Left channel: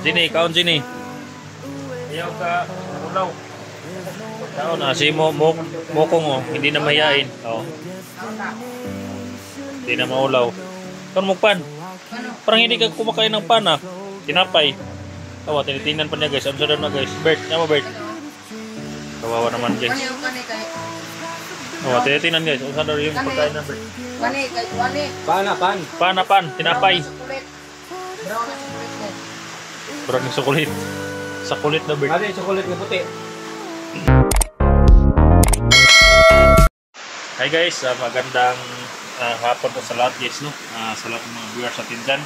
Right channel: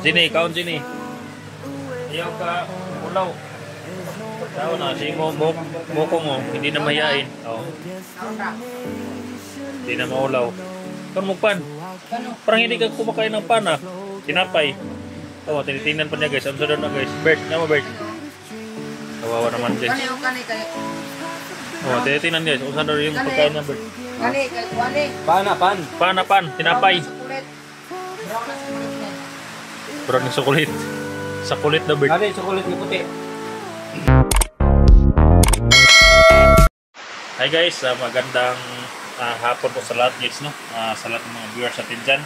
Jini, kaon Jini. Ayaw ka, ulaw. Ayaw na, si Mokong mo, hindi na mahihain. Oo. Hindi na maulaw. Kaon mo pan. Parang hindi ka kumakain ng pan ah. Tinapay. Tawa, tinitingnan pa niya guys. Ano sa na guys? Bert, nama Bert. Kawawa naman guys. Oh, tinitingnan guys. Ano sa yung pagkain ng Bert? Pan, tinapay. Brown na sukulit. Sa kulit na Bert. Ano yung sukulit na puti? Hi guys, magandang hapon po sa lahat guys, no? Sa lahat ng mga viewers natin dyan.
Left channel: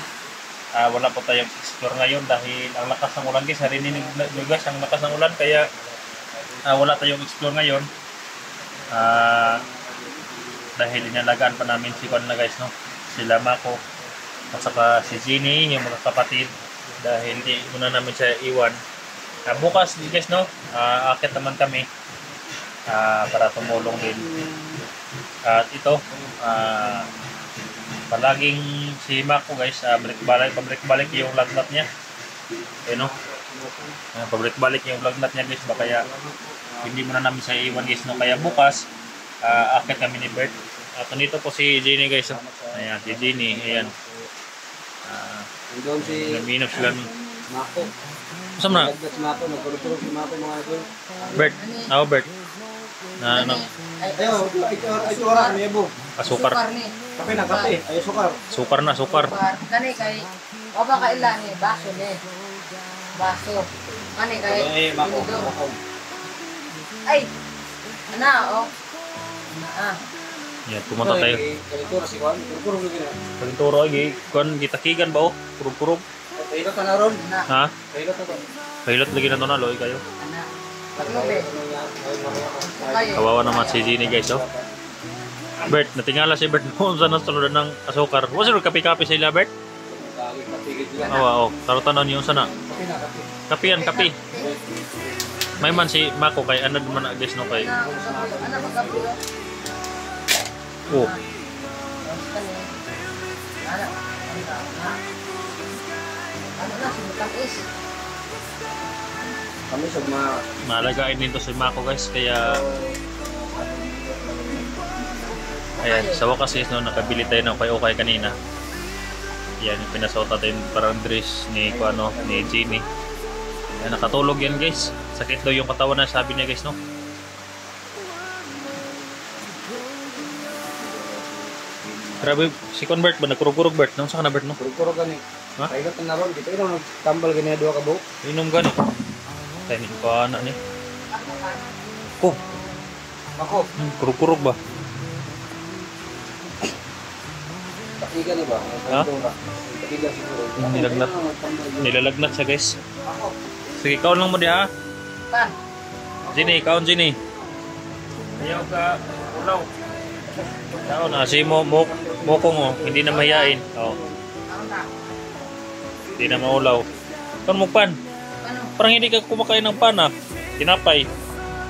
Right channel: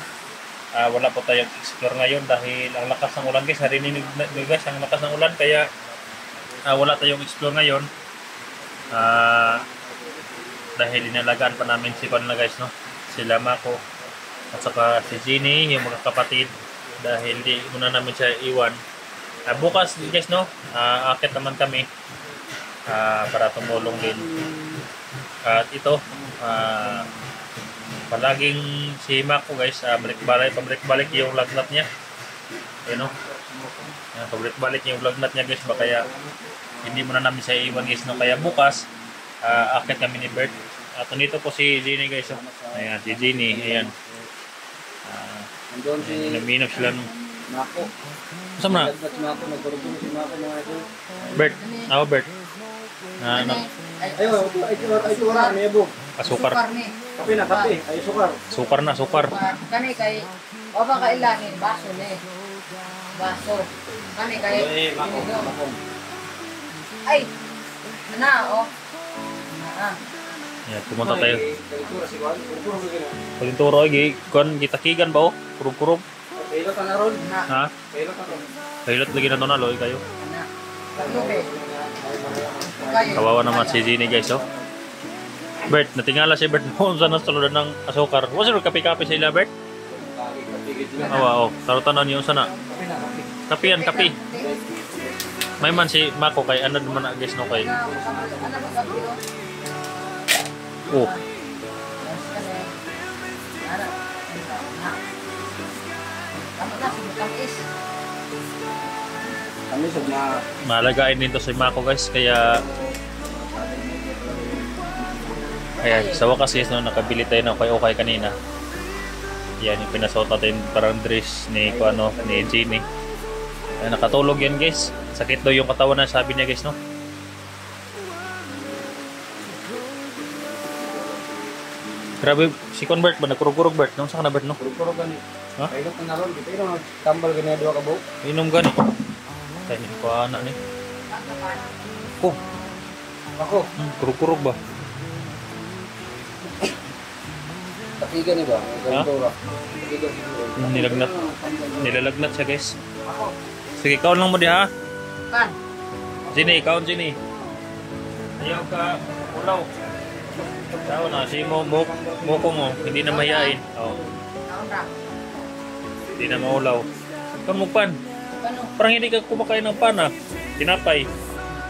Wala po tayong explore ngayon dahil ang lakas ng ulan guys. Narinig nyo guys, ang lakas ng ulan kaya wala tayong explore ngayon. Dahil inalagaan pa namin si Juan na guys, no? Sila Mako at saka si Ginny, yung mga kapatid. Dahil di muna namin siya iwan. Bukas guys, no? Akit naman kami para tumulong din. At ito, palaging si Mako guys, pabalik-balik yung lagnat niya. Ayun, no? Pabalik-balik yung lagnat niya guys, baka kaya hindi muna namin siya iwan guys, no? Kaya bukas, akit kami ni Bert. At nandito po si Ginny guys, no? Ayan, si Ginny, ayan. Naminap sila nung Mako. saan na? Bert, ako Bert. Ayo, ay tuwa na yabo. Sukar. Kape na kape, ay sukar. Sukar na, sukar. Kani kay o ba kailan ni baso ni. Baso. Kani kay inido. Ay. Ana oh. Yan, pumunta tayo. Kalitura si Juan, kurong gino. Paginturo ay kon gitakigan ba oh? Kurog-kurog. Kailot na ron. Ha? Kailot na to. Pilot lagi na to na loy kayo. Ana. Ano be? Kayo. Kawawa naman si Ginny guys, oh. Bert, natingala si Bert noon sa nasunod ng asukar. Wala sila kape-kape sila, Bert? Awa, oh. Tarutan niyo sana. Kape yan, kape. May man si Mako kay ano naman na guys, no kay. Ano ba gabi oh? Oh. Ano na sumutang is. Kami sa mga Malagain nito si Mako guys, kaya sa wakas guys, no, nakabili tayo ng okay kanina. Yan, yung pinasot natin parang dress ni Kuano, ni Ginny. Nakatulog yan guys. Sakit daw yung katawan na sabi niya guys, no. Grabe, si Convert ba? Nagkurog-kurog Bert? Nung saan ka na Bert, no? kurong gani. Ha? Kailot na ron. Dito ino nagtambal gani duha ka buok. Inom gani. Timing pa na ni. Oh, Ako, kurog-kurog ba? takigan ni ba? Ha? Kalitura. Takigan siguro. Nilagnat. Nilalagnat siya guys. Sige, kaon lang mo di ha. Pan. Ginny, kaon Ginny. Ayaw ka, ulaw. Ayaw na, si Mokong mo, hindi na mahihain. Oo, hindi na maulaw. Kaon mo pan. Parang hindi ka kumakain ng pan ah. Tinapay.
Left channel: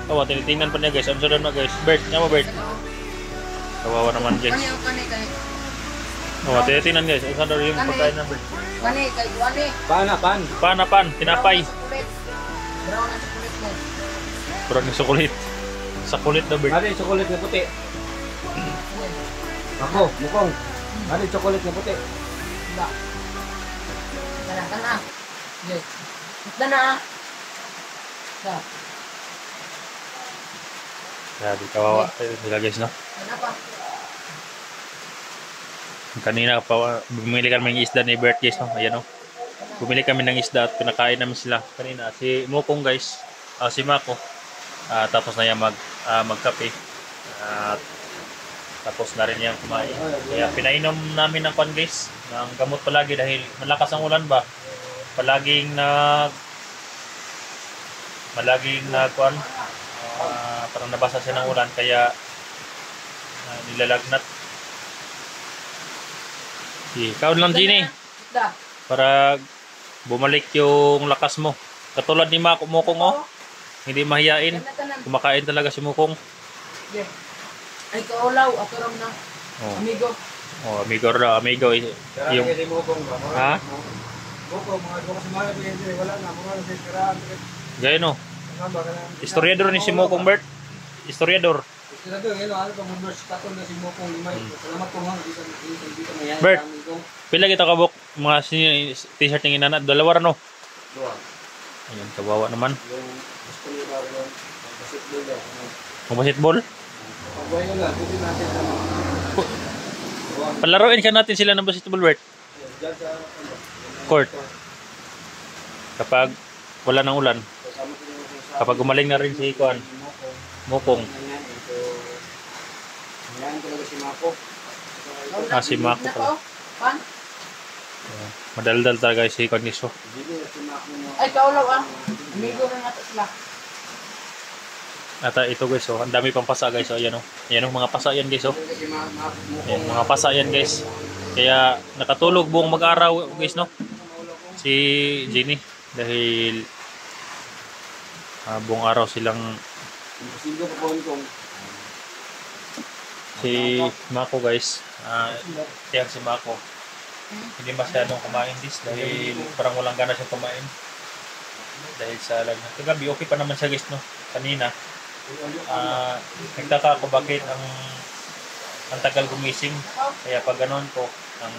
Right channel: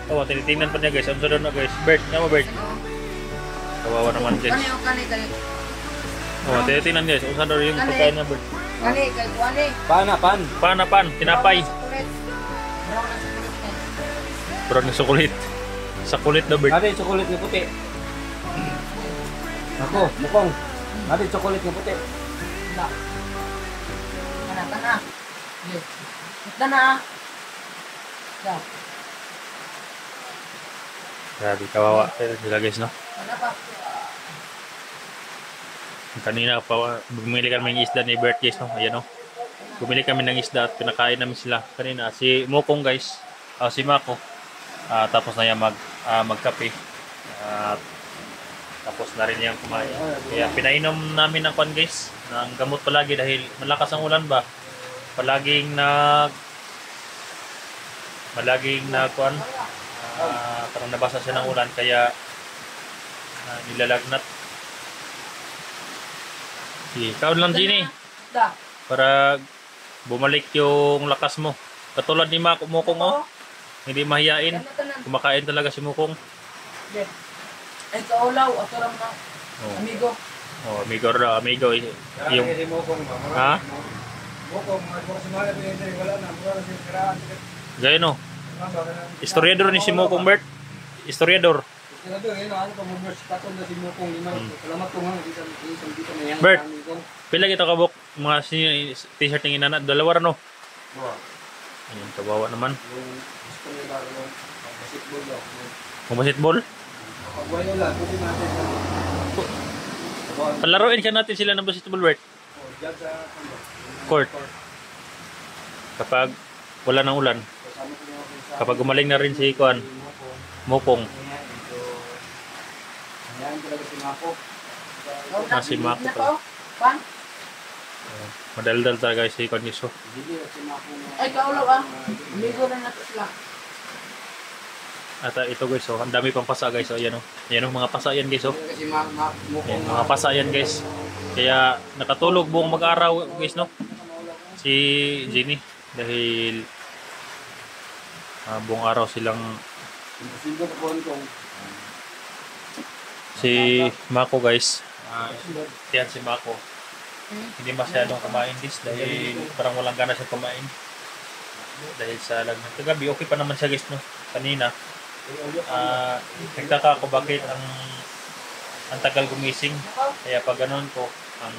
Tawa, tinitingnan pa niya guys. Ano sa na guys? Bert, nama Bert. Kawawa naman guys. Kani kay Oh, tinitingnan guys. Ano sa yung pagkain ng Bert? kani kay kuani. Pan, tinapay. Brown na sukulit ni. Brown na sukulit. Sa kulit na Bert. Ano yung chocolate na puti? Ako, mukong. Ano yung chocolate na puti? Ba. Kana. Yo. Kana. Ba. Grabe, kawawa. Sila guys, no? Kana pa. Kanina pa, bumili kami ng isda ni Bert guys, no? Ayan, no? Bumili kami ng isda at pinakain namin sila kanina. Si Mokong guys, si Mako. Tapos na yan magkape. At tapos na rin yung kumain. Kaya pinainom namin ng kwan guys, ng gamot palagi dahil malakas ang ulan ba. Palaging kwan, parang nabasa siya ng ulan kaya nilalagnat. Ikaw lang Ginny, Da. para bumalik yung lakas mo. Katulad ni Mokong, oh. Hindi mahiyain. Kumakain talaga si Mokong. Ay kaulaw ato ram na amigo. Oh, amigo. Yung Kaya mo kong ha? Buko, mga buko sa mga pwede, wala na, mura na sa iskaraan. Gaya no. Historiador ni si Mokong Bert. Historiador. Senador, yun, ano pa, mga takon na si Mokong Limay. Salamat po nga, dito na yan. Bert. Pila kita kabok mga t-shirt ng inana, dalawa no. Ayun, kawawa naman. Yung gusto nyo ba, yung basketball daw. Kung basketball, Pagwayo lang, pwede natin ano. palaruin ka natin sila ng basketball, Bert. Diyan sa Court. Kapag wala ng ulan, kapag gumaling na rin si Kuan, Mokong. Ngayon talaga si Mako. Si Mako pala. Pan? Ayan, madaldal talaga si Kuan Niso. Hindi si Mako na. Ay, kaulaw ah. Amigo na nato sila. At ito guys, oh, ang dami pang pasa guys. So, ayan oh. Ayan oh, mga pasa yan guys oh. Kasi Mako. Ayan, mga pasa yan guys. Kaya nakatulog buong mag-araw guys no. Si Jenny dahil buong araw silang Sino pa po kung si Mako guys. Yan si Mako. Hindi masyadong kumain dis dahil parang walang gana siyang kumain. Dahil sa lagnat. Kagabi okay pa naman siya guys no. Kanina nagtaka ako bakit ang tagal gumising. Kaya pag ganoon ko ang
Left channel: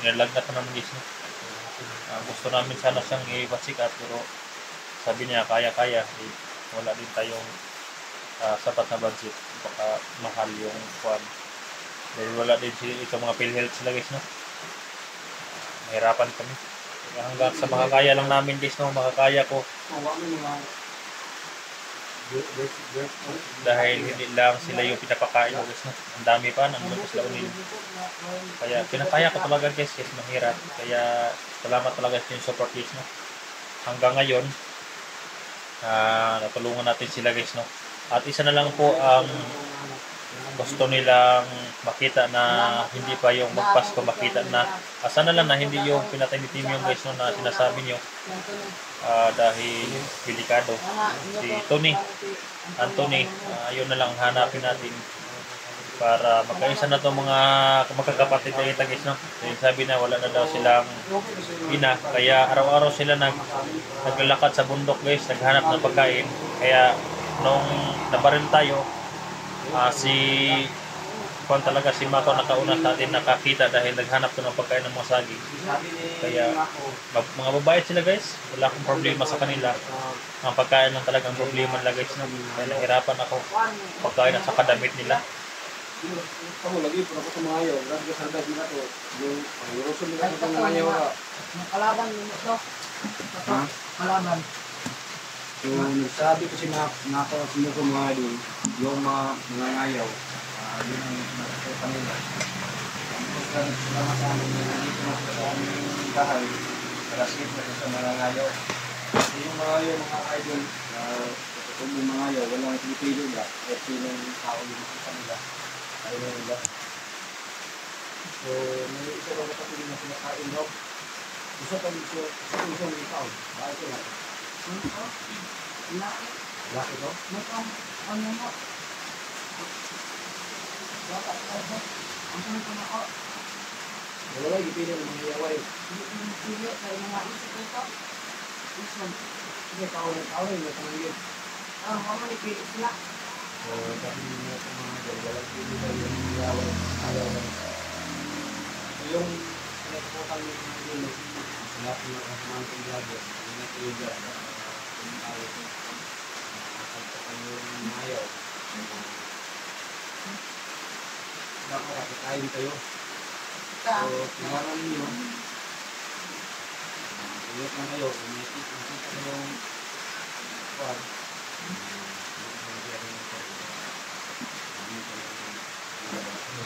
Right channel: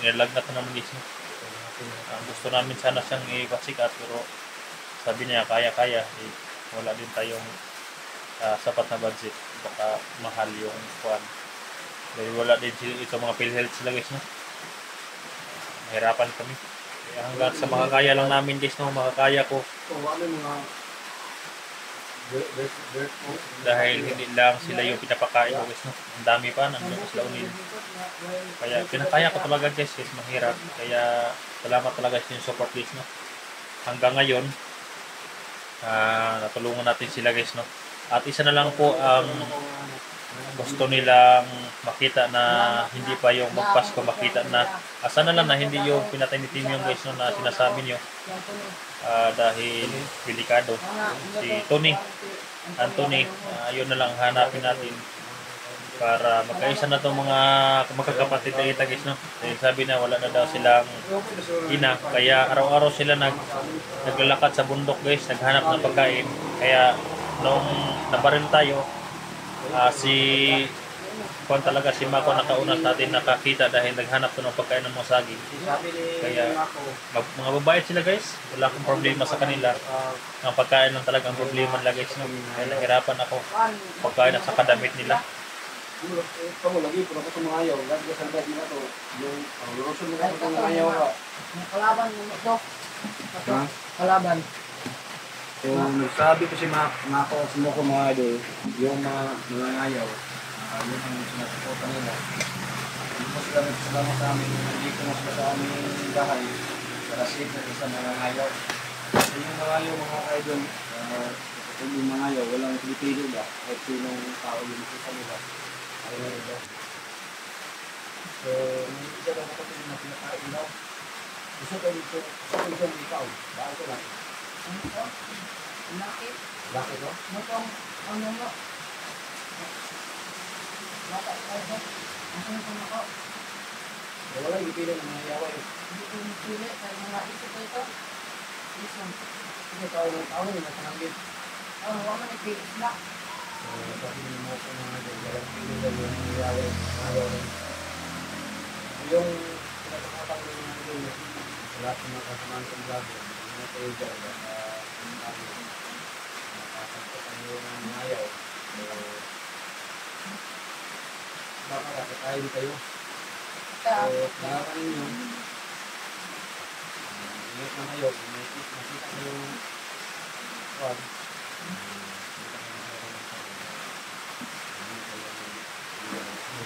nilalagnat na naman guys no. Gusto namin sana siyang i-wasikat pero sabi niya kaya wala din tayong sapat na budget, baka mahal yung kuan dahil wala din ito mga PhilHealth sila guys no. Mahirapan kami kaya hanggang sa makakaya lang namin guys no, makakaya ko dahil hindi lang sila yung pinapakain ko guys no, ang dami pa nandun sila unil kaya pinakaya ko talaga guys kasi mahirap kaya salamat talaga sa yung support guys no. Hanggang ngayon natulungan natin sila guys no. At isa na lang po ang gusto nilang makita na hindi pa yung magpasko makita na sana lang na hindi yung pinatay ni Tim yung guys no, na sinasabi niyo dahil delikado si Anthony yun na lang hanapin natin para magkaisa na itong mga magkakapatid na kita guys no. Dahil sabi na wala na daw silang ina kaya araw-araw sila naglalakad sa bundok guys, naghanap ng pagkain kaya nung nabaril tayo si Juan talaga si Mako nakauna sa atin nakakita dahil naghanap ko ng pagkain ng mga saging kaya mga babae sila guys, wala akong problema sa kanila, ang pagkain lang talaga ang problema nila guys no. Kaya nahirapan ako pagkain at sa kadamit nila. kamu lagi pura ko mga ayaw, lagi sa bed nila to. Yung panglurusun nila ko mga ayaw ka. Kalaban mo ito. Ha? Kalaban. So, nagsabi ko si Mako, sino ko mga idol, yung mga ayaw, yun ang masuportan nila. Ang salamat sa amin, hindi ko mas sa aming bahay, para safe na sa mga ayaw. So, yung mga ayaw, mga idol, kung yung mga ayaw, walang pinipili ba, o sinong tao yung sa nila, ayaw na nila. So, may isa na kapatid na pinakain daw. Gusto ko dito, may ikaw, bakit ko lang? Laki. Laki to? Matong ano mo. Laki ko. Ang tunay ako. Wala, ipili ng mga yaway. Hindi ko mapili. Kaya mga isip ko ito. This one. Sige, tao na yung natamangin. Huwag man ipili sila. Sabi mo ko mga idol, walang pili daw yung mga yaway. Yung pinatakutan mo yung mga idol, sa lahat ng mga kasamahan kong vlogger, yung mga kayo dyan, yung ayaw, nakasagpakan yung mga ayaw. Dapat nakakain kayo. So, kailangan ninyo, ingat lang kayo, nakita yung kuwan.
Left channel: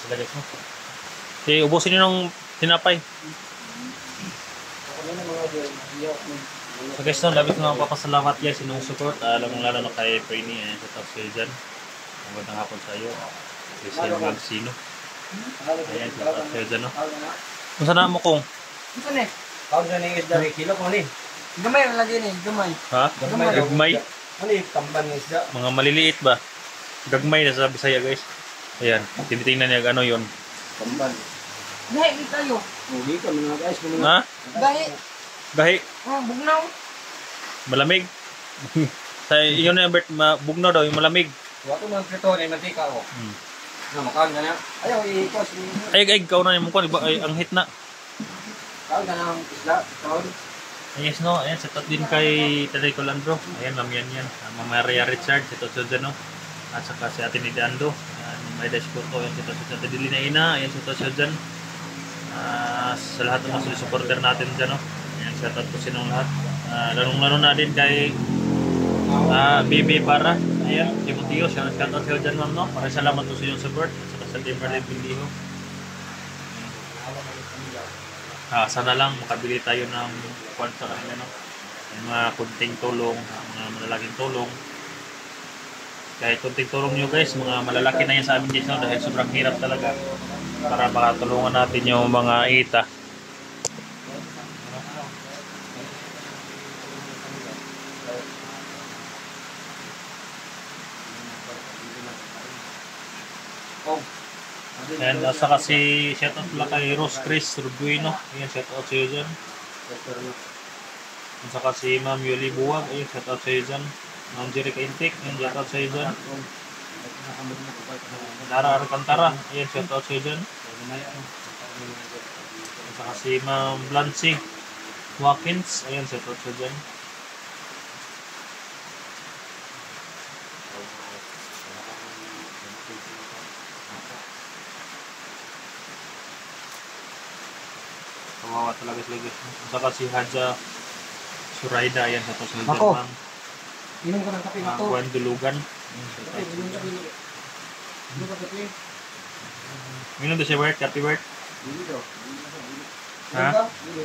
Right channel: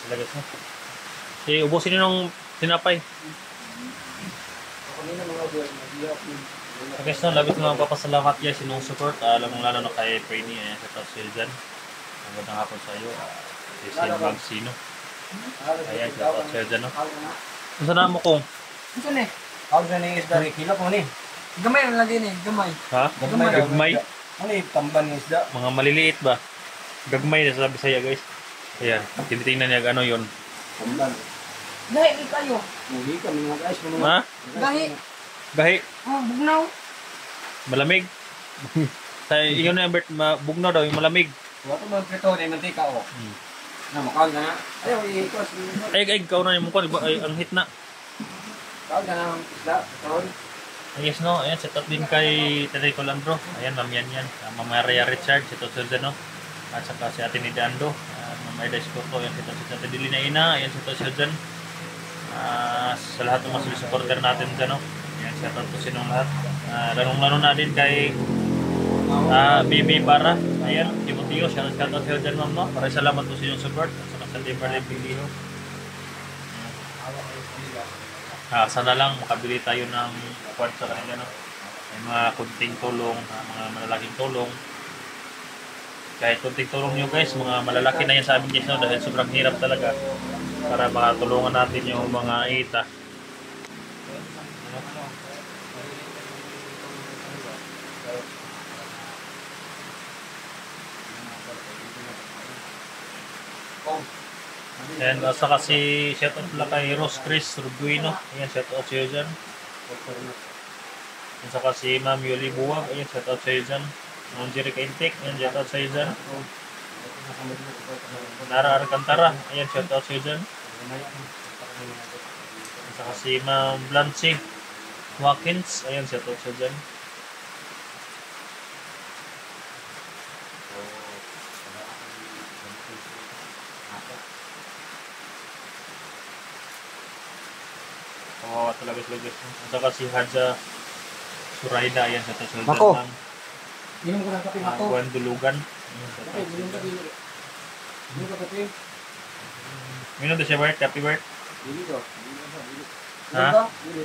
Sila guys no. Ubusin niyo ng tinapay. Ako na mga idol, So guys, no, labis nga papasalamat yan sinusuport. Alam mong lalo na kay Brainy, ayan sa top skill dyan. Magandang hapon sa iyo. Cecil Magsino. Ayan, sa top skill dyan, no. Kung saan mo kung? Ito na eh. Pag na ng isda, kilap mo ni. Gamay lang lagi eh. Gamay. Ha? Gagmay. Ano yung tamban ng isda? Mga maliliit ba? Gagmay na sa Bisaya guys. Ayan, tinitingnan niya ano yun. Tamban. Gahi kayo. Mugi kami mga guys. Ha? Gahi. Gahi, Oh, bugnaw. malamig. Sa iyo na Bert, bugno daw yung malamig. Wato mo prito ni mantika o. Na makaon ka na. Ayaw ikos. Ay, ikaw na yung mukha, ay, ang hit na. Kaon ka ng isda. Kaon. Yes, no, ayan, sa tot din kay Tere Colandro. Ayan, Ma'am yan. Ma'am Maria Richard, si Tot Susan, no? At saka si Ate Nidando, Ma'am Aida Escoto, ayan, si Tot Susan. Ate Dilina Ina, ayan, si Tot Susan. Sa lahat ng mga supporter natin dyan, no? Ayan, shout out po sinong lahat. Larong-laro na din kay BB Para. Ayan, Timoteo, shout out sa'yo dyan, ma'am, no? Maraming salamat po sa inyong support. At saka sa Timberlake Bindiho. Sana lang makabili tayo ng kwan sa kanila, no? May mga kunting tulong, mga malalaking tulong. Kahit kunting tulong nyo guys, mga malalaki na yan sa amin guys, no? Dahil sobrang hirap talaga para makatulungan natin yung mga ita. And saka si shoutout pala kay Rose Chris Rubuino. Ayan, shoutout sa'yo dyan. At saka si Ma'am Yuli Buwag. Ayan, shoutout sa'yo dyan. Ma'am Jerica Intik. Ayan, shoutout sa'yo dyan. Nara Arcantara. Ayan, shoutout sa'yo dyan. At saka si Ma'am Blancy Watkins. Ayan, shoutout sa'yo dyan. Kawawa talaga sila guys. At saka si Hadja Suraida, ayan, sa susunod Ako. ma'am. Inom ka ng kape na to. Buwan Dulugan. Inom ka kape. Minum din siya, Bert? Happy Bert? Dili daw. Ha? Dili.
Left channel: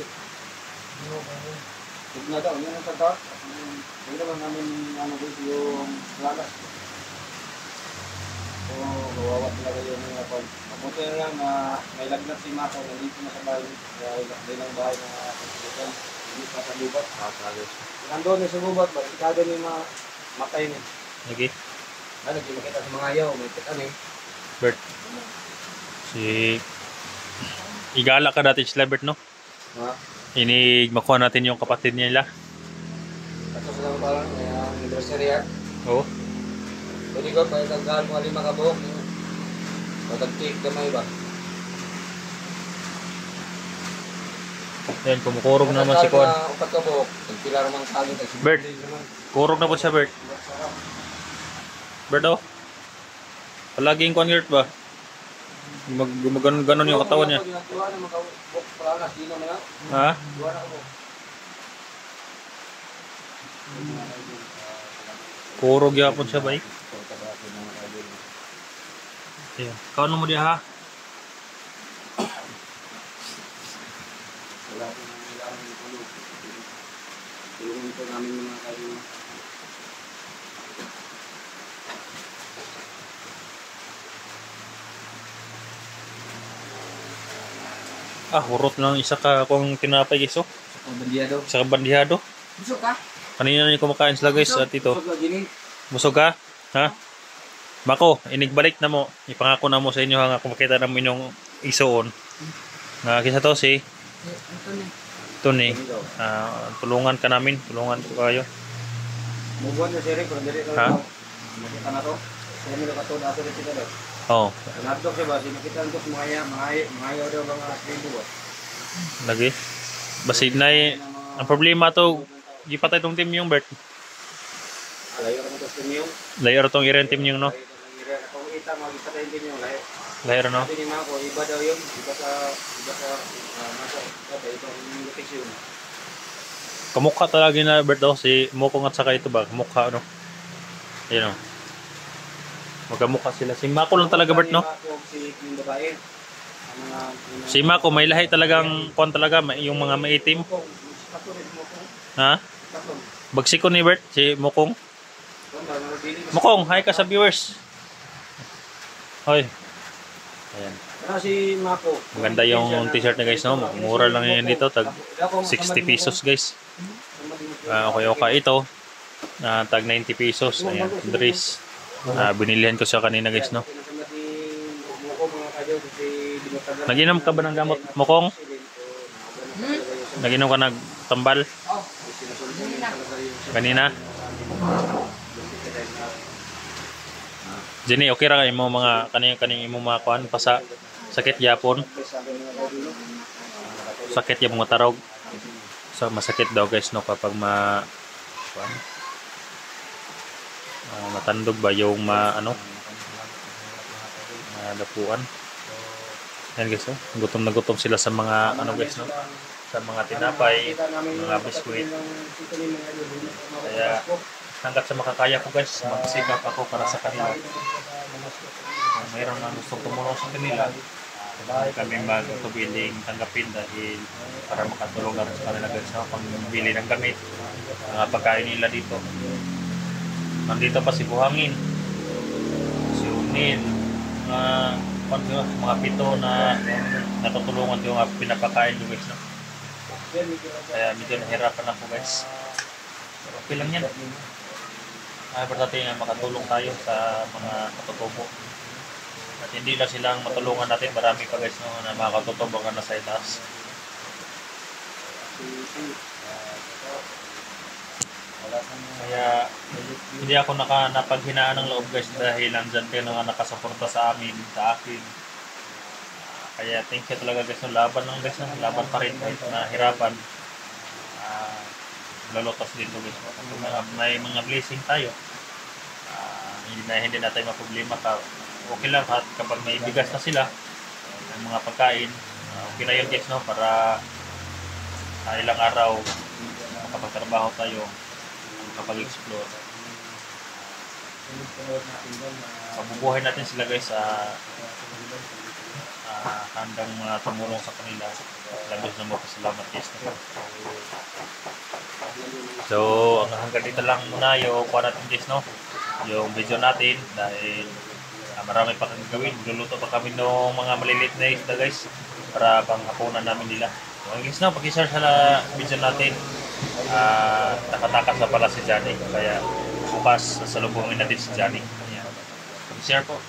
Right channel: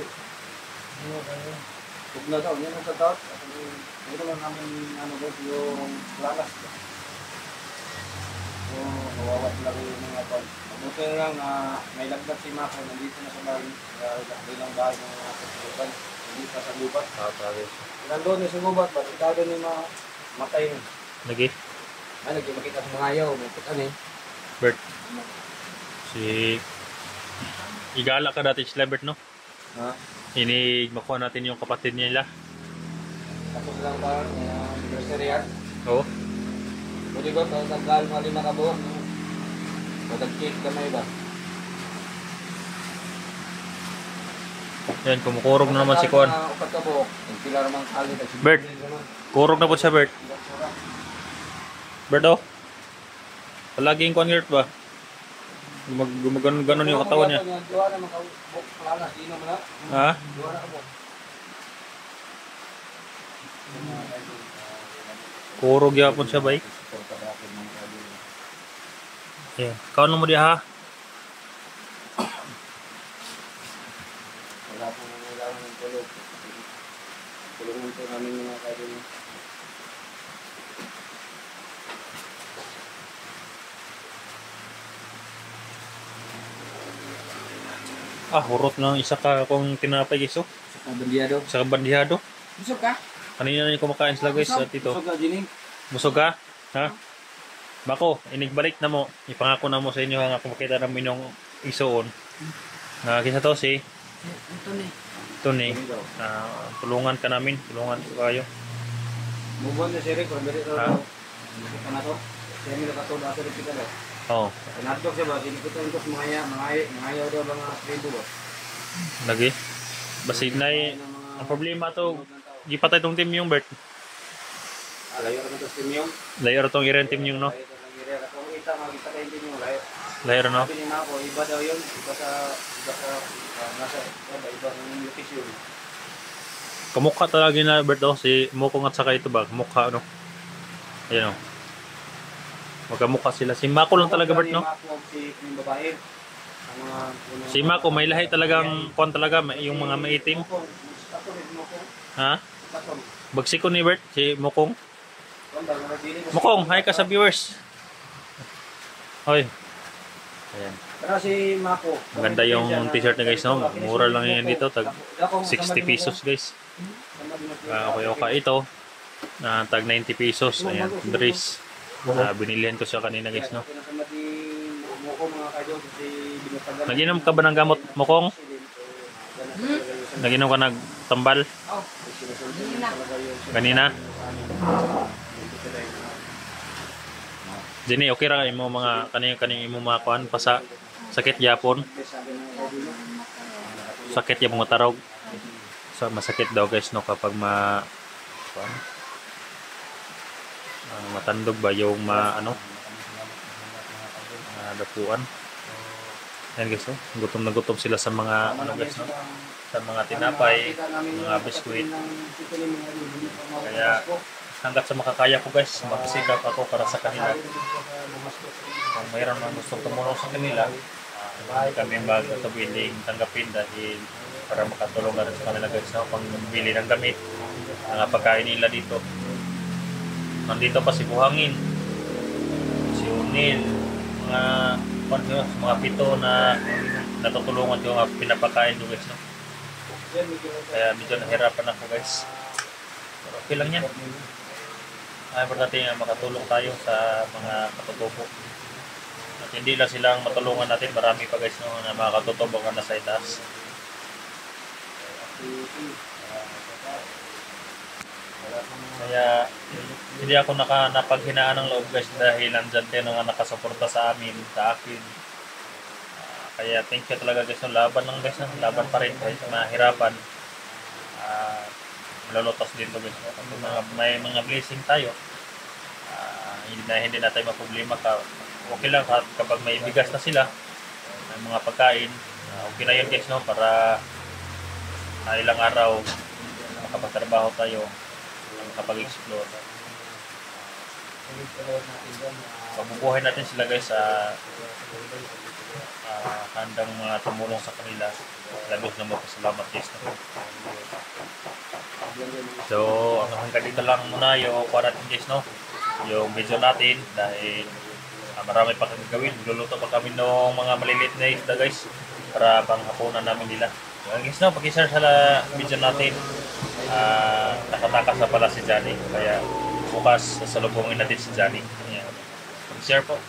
Huwag na daw. Yan ang tatat. Ito lang namin yung lalas. So, kawawa talaga yung mga pan. Mabuti na lang na may lagnat si Mako. Nandito na sa bahay. Dahil lang bahay ng mga kasubukan. Hindi pa sa lubat. Nandun ni sa lubat. Ba't ikaga ni matay ni? Lagi? Nagkita sa mga ayaw. Makita ni. Bert? Si... Igala ka dati sila, Bert, no? Ha? Inig makuha natin yung kapatid nila. Kaso sila ba? Anniversary yan. Oo. Pwede ko, kahit ang kahal mga 5 kabuok. Matag-cake gamay ba? Yan, kumukurog na naman si Kuan. Upat kabuok. Nagpila naman kami. Bert. Kurog na po siya, Bert. Bert, oh. Palaging Kuan Gert ba? Gumaganon yung katawan niya. Duwa na mga kabuok. Palanas. Di na mga. Ha? Duwa na kabuok. Kurog yapon siya, bay. Ayan. Kaano mo diya, ha? Wala po nang kailangan ng tulog. Tulungan po namin mga kailangan. Hurot lang isa ka kung tinapay guys, oh. Sa bandiyado. Isa ka bandihado. Busog ka? Kanina na yung kumakain sila guys at ito. Busog ka, Gini. Busog ka? Ha? Mako, inigbalik na mo. Ipangako na mo sa inyo nga kung makita na mo inyong isoon. Kisa to si Anthony. Tony. Tulungan ka namin. Tulungan ko kayo. Mubuan na siya rin. Kung dali Ha? ito. Makita na to. Sila may nakatod. Ato rin kita daw. Oo. Nadok siya ba? Sinikitan ko sa mga ayaw daw mga tribo ba? Lagi. Basig na ang problema to. Gipatay tong team yung Bert. Layo naman to sa team yung. Layer tong iren team yung no. Layo ng area. Kung ita, magkipatay din yung layo. Layer no. Sabi ni Mako, iba daw yun. Iba sa nasa iba yung location. Kamukha talaga na Bert daw si Mokong at saka ito ba? Kamukha no. Ayun no. Magkamukha sila. Si Mako lang talaga Bert no. Si yung babae. Si Mako may lahi talagang kuan talaga yung mga maitim. Ha? Bagsiko ni Bert si Mokong. Mokong, hi ka sa viewers. Hoy. Ayan. Pero si Mako. Maganda yung t-shirt na guys no. Mura lang yan dito. Tag 60 pesos guys. Okay ito. Tag 90 pesos. Ayan. Dress. Binilihan ko siya kanina guys no. Nag-inom ka ba ng gamot Mokong? Naginom ka nagtambal Oh, yun na. kanina? Jenny, okay ra imo mga kaning imo mga kuan pa sa sakit yapon. Sakit yung mga tarog. So masakit daw guys no kapag kuan, matandog ba yung dapuan. Yan guys, oh. Gutom na gutom sila sa mga guys, no? Sa mga tinapay, mga biskuit. Kaya hanggat sa makakaya ko guys, magsikap ako para sa kanila. Kung mayroon man gustong tumulong sa kanila, kami magtubiling tanggapin dahil para makatulong na rin sa kanila guys, no? Pangbili ng gamit, mga pagkain nila dito. Nandito pa si Buhangin, si Unil, mga pito na natutulungan ko nga pinapakain ko guys, no? Kaya medyo nahirapan ako guys, pero okay lang yan. Ay importante nga makatulong tayo sa mga katutubo at hindi lang silang matulungan natin, marami pa guys, no, na mga katutubo na nasa itaas. Kaya hindi ako napaghinaan ng loob guys dahil nandyan kayo nga nakasuporta sa amin, sa akin. Kaya thank you talaga guys, no? Laban lang guys, no? Laban pa rin kahit mahirapan. Lolotas din to guys, no? Kung may mga blessing tayo, hindi na tayo maproblema ka. Okay lang kapag may bigas na sila, may mga pagkain, okay na yun guys, no? Para ilang araw makapagtrabaho tayo, makapag-explore. Mabubuhay natin sila guys sa handang mga tumulong sa kanila. Labis na magpasalamat guys, no? So hanggang dito lang muna yung kuha natin guys, no? Yung video natin dahil marami pa kang gagawin. Magluluto pa kami ng mga maliliit na isda guys para panghapunan namin nila. So guys, no, pag-share sa video natin. Nakatakas na pala si Johnny, kaya bukas sasalubungin natin si Johnny. Ayan. Pag-share po.